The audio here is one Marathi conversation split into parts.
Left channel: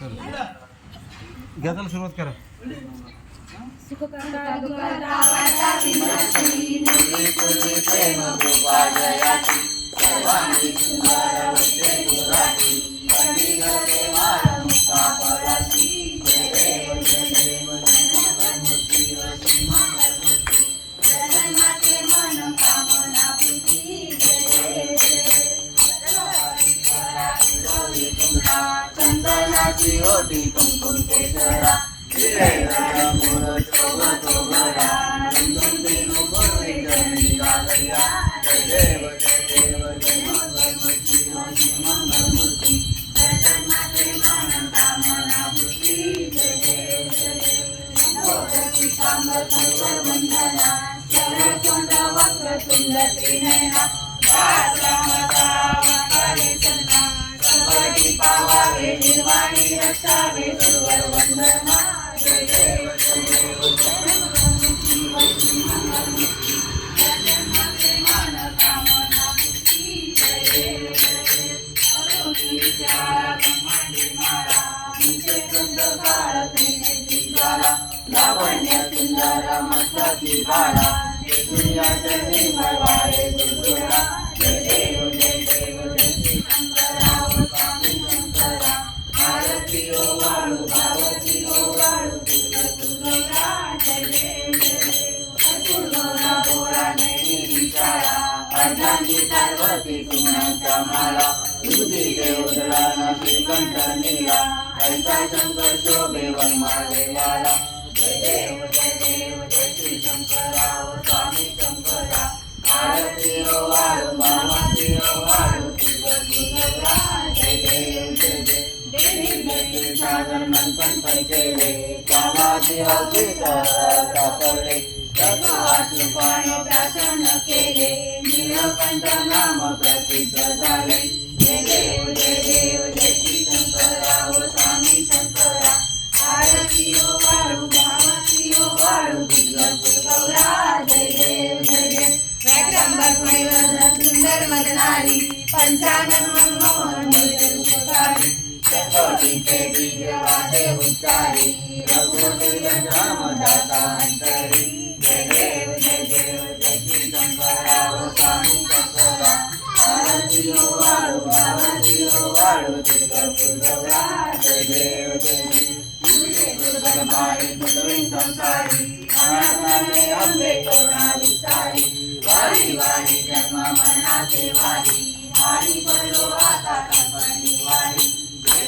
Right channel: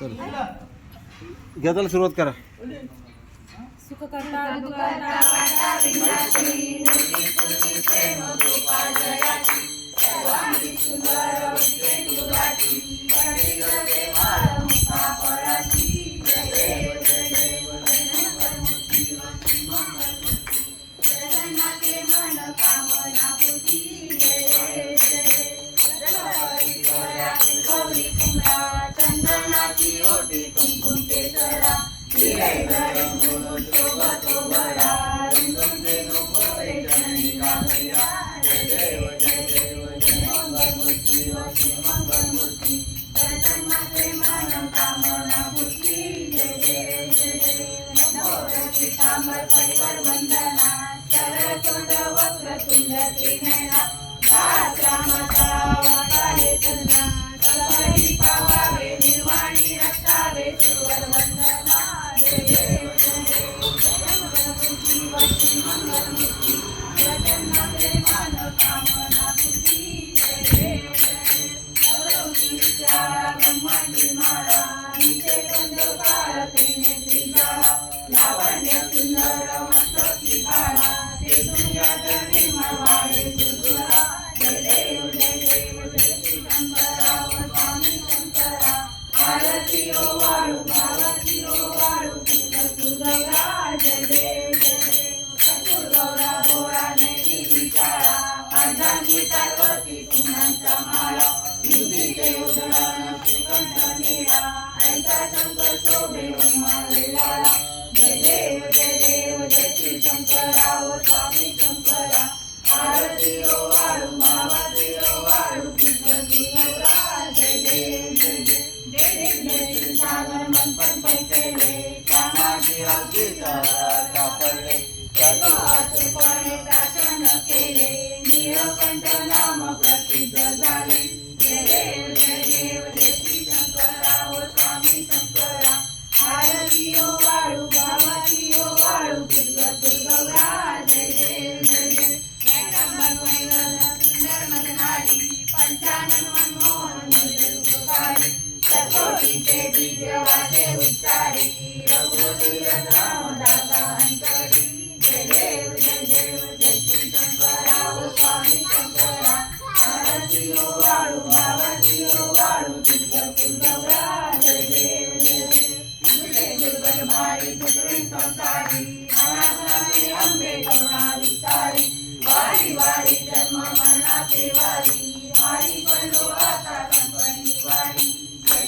घ्या त्याला सुरुवात करा. चंदनाची ओटी कुंकुम केसरा जय देव जय देव जय मंगलमूर्ती जय मंगलमूर्ती कामना मूर्ती जय देव जय देव कामर वंदना सरचोंड वक्रतुंड त्रिनयना सवारी पावावे निर्वाणी रक्षावे सुवर वंदना जय देव जय देव जय मंगलमूर्ती मंगलमूर्ती जगन्नाथे मन कामना मूर्ती जय देव जय देव अवधूतच्या ब्रह्मांडी माळा नीचे कंद काळ त्रिनेत्री ज्वाला लावण्य सुंदर मस्तकी बाळा ते दुनियात निर्मळ वाळे गुरुरा जय देव जय देव जय श्री शंकरा स्वामी शंकरा आरती ओ वाळू भारती ओ वाळू दुर्गा जय देव जय देव गौरा बोळा नैनी विचारा अर्धांगी पार्वती कुणाच्या माळा दुधीचे उदळान श्रीकंठ नीला ऐसा शंकर शोभे वनमालेला जय देव जय श्री शंकरा स्वामी शंकरा आरती ओ वाळू मामाती ओ वाळू दुर्गा जय देव जय देव देवी सागर मनपण केले त्यामाची अवधीत सापडले चतुर्वासु पाणी प्राशन केले नीलकंठ नाम प्रसिद्ध झाले जय देव जय श्री शंकरा ओ स्वामी शंकरा आरती ओ वाळू मामाती ओ वाळू दुर्गा जय देव जय देव सुंदर मदनारी पंचानन मनमोहन मुखकारी शतकोटीचे दिव्य वाचे उच्चारी रघुकुल रामदासा अंतरी जय देव जय श्री शंकरा ओ स्वामी शंकरा आरती ओ वाळू मावती ओ वाळू दुर्गा जय देव जय देव दुर्गम माई पृथ्वी संसारी अनाथाने अंबे करुणा विस्तारी वारी वारी जन्म मरणाचे वारी वारी पडलो आता कंपनी वारी जय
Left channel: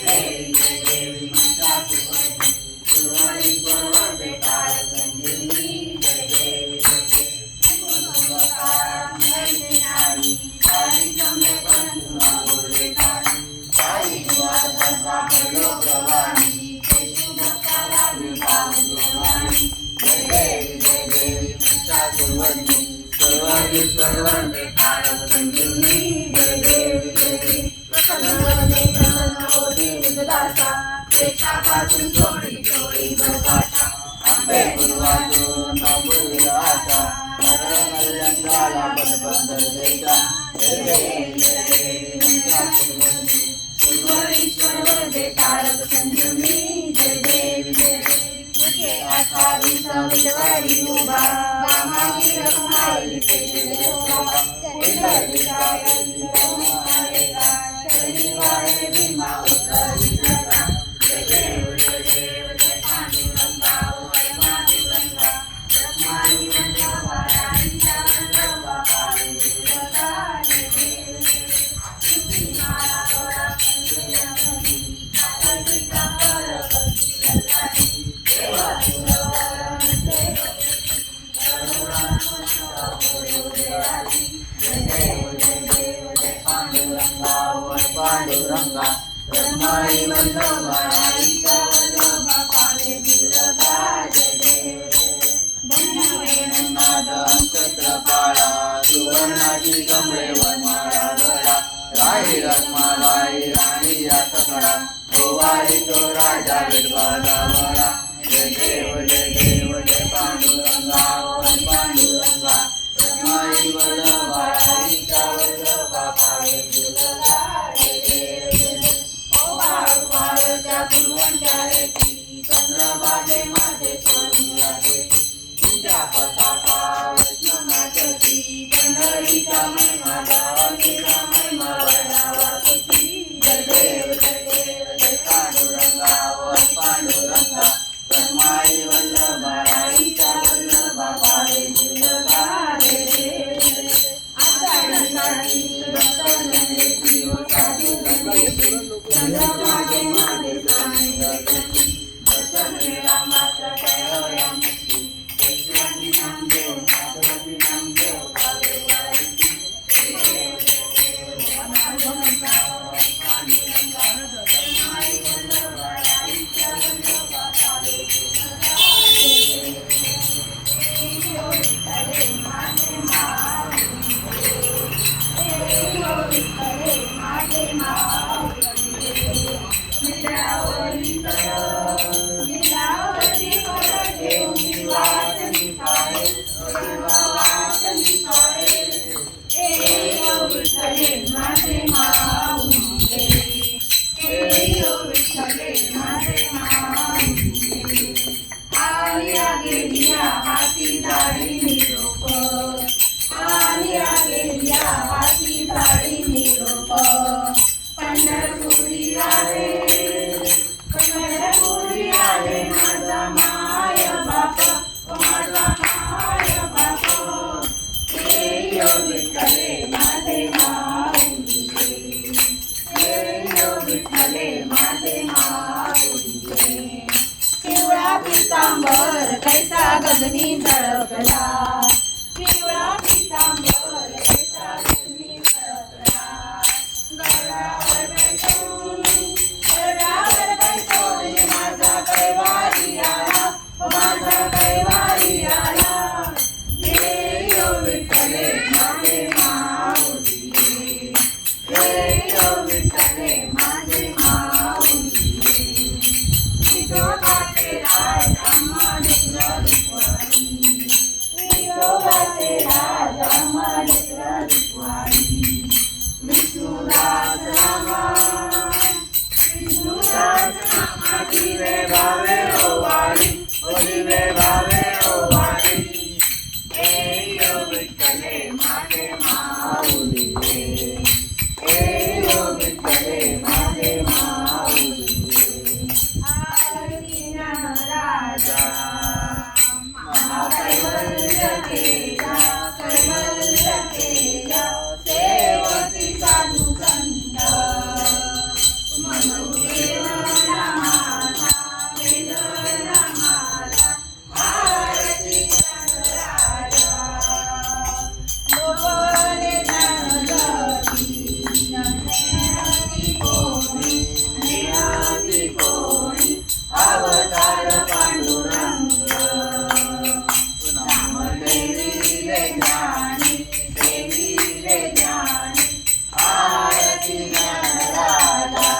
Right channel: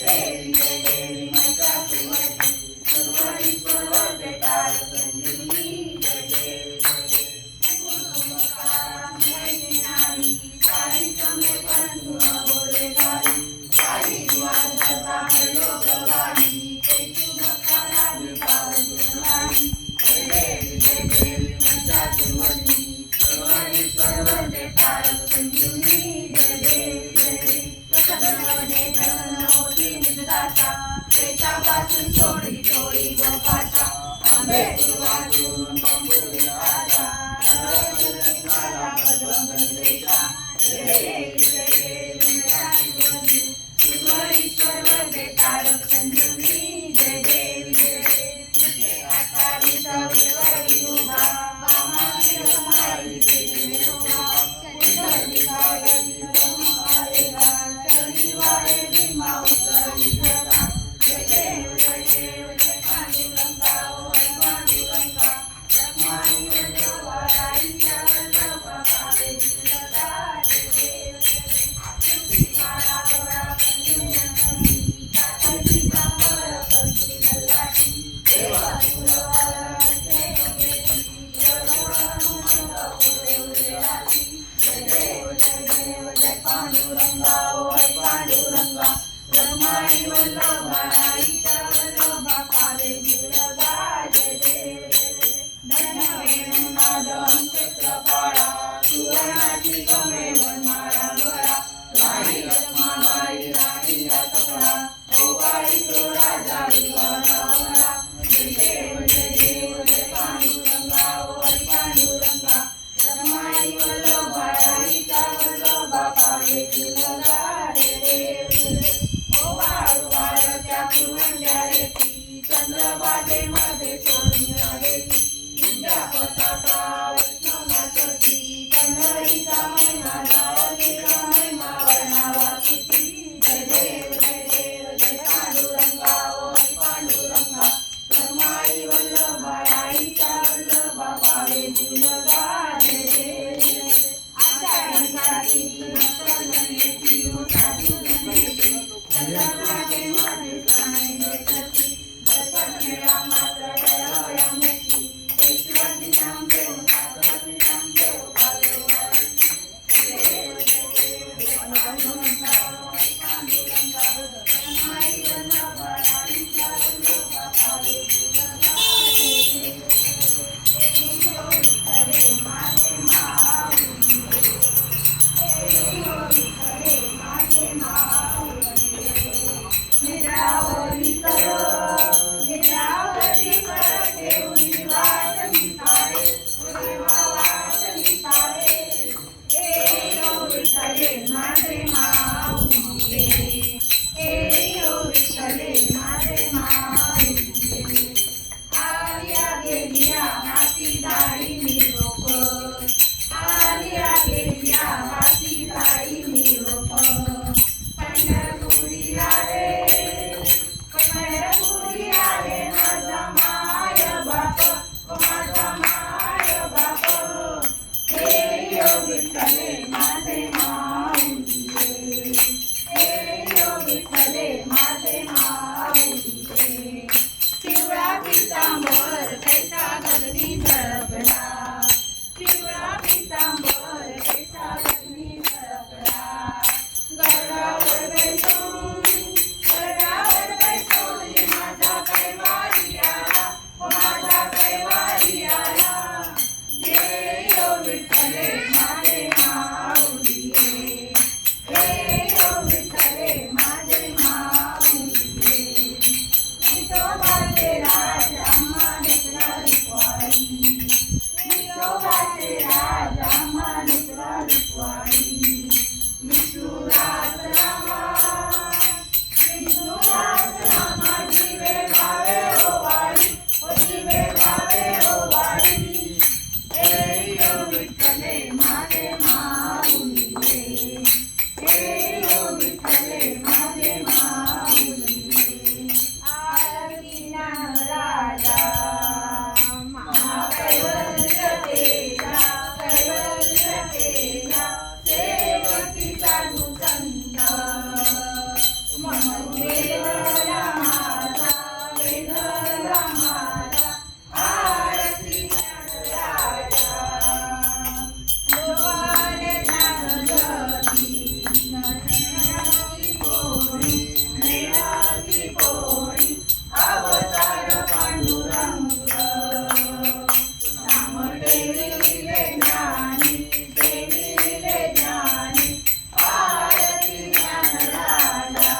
देवी मंत्राची वरती सर्वांश्वर वरदे तार संजीवनी जय देवी नारी सारी जमले बंधू बोले तारी सारी दिवाळा पडलो गवानी तेतू भक्ताला विभाव जोवानी जय देवी मंत्राची वरती सर्वांश्वर वरदे तार संजीवनी जय देव प्रसन्न होती निजदासा देशापासून थोडी थोडी भोपाशा अंबे गुरुवाजून बंबुरी आशा नरनरंगाला बंद देशा जय देव ईश्वर वरदे तारक संजीवनी जय देवी जय देवी आखारी सवितवारी उभा वामावी रखमाई पेटले शोभा कुंडली कायली आलेला शनिवारे भीमा उतरली जगा जय देव जय पांडुरंगा ओ पांडुरंगा रखमाई वल्लभा राईच्या वल्लभा पावे दुर्गा जय देव तुझी माळा तोळा कंजुया मुली काकडी कापर करती लल्लाटी देवा तुला देव पांडुरंगा पांडुरंगा रखमाई वल्लभा राईच्या वल्लभा पावे दुर्गा जय देव धन्य वेणुनाद अंकत्रपाळा सुवर्णाची कमळे वनमाळा गळा राही रखमाबाई राणी या सकळा ओवाळी तो राजा विठ्ठला वळा जय देव जय पांडुरंगा ओ पांडुरंगा रखमाई वल्लभा राईच्या वल्लभा पावे दुर्गा जय देव ओ वाळू वाळूच्या पूर्व चंद्रभागेमध्ये सोडून देती तुझ्या पताका वैष्णव नाचती पंढरीचा महिमा गावातीचा महिमा वर्णावाची जय देव जय पांडुरंगा वर पांडुरंगा ब्रह्माई वल्लभा राईचा वल्लभा पावे तुलगा आषाढी कार्तिकी भक्तांची ओ साधू बनती चंद्रभागेमध्ये स्नान घेती प्रसन्न रामाचं कळवळ्या मुक्ती ऐश्वर्य नामदेव नागवती नामदेव भागवती देव हाती दाढी निरोप आलिया गेलिया हाती दाढी निरोप पंढरपुरी आले माझा माय बाप माझा माय बाप हे यो विठ्ठले माझे माऊली हे यो विठ्ठले माझे माऊली पिवळा पितांबर कैसा गगनी झळकला पिवळा पितांबर कैसा गगनी झळकला गडावर बैसून माझा कैवारी आला माझा कैवारी आला हे यो विठ्ठले माझे माऊली हे यो विठ्ठले माझे माऊली विठोबाचे राज आम्हा लेकरा लेकवाई विठोबाचे राज आम्हा लेकरा लेकवाई विष्णुदास रामा दिवे भावे ओ वाडी ओ दिवे भावे ओ वाडी हे यो विठ्ठले माझे माऊली हे यो विठ्ठले माझे माऊली आरती राजा महाकैवल्य तेजा कैवल्य तेजा सेवती साधू संत म्हणून वेदला माझा आरती राजा लोपले ज्ञानगती ज्ञानाची कोणी ज्ञानाची कोणी अवतार पांडुरंग नाम देवीले ज्ञानी देवीले ज्ञानी आरती ज्ञान राजा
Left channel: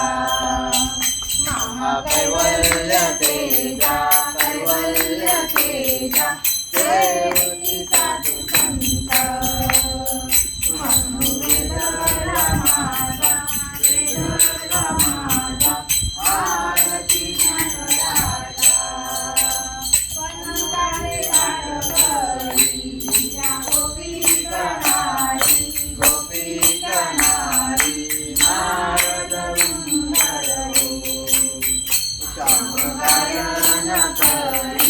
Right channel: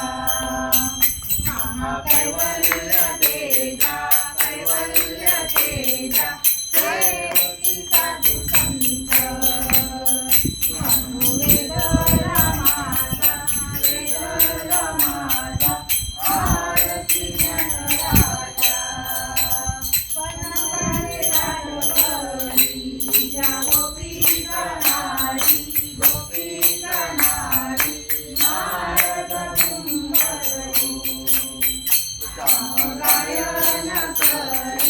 महाकैवल्य तेजा कैवल्य तेजा सेवती साधू संत म्हणून वेदला माझा आरती ज्ञान राजा पणकाचे घाटवरी या गोपी कणारी नारद सुंदर हो श्याम गायन करे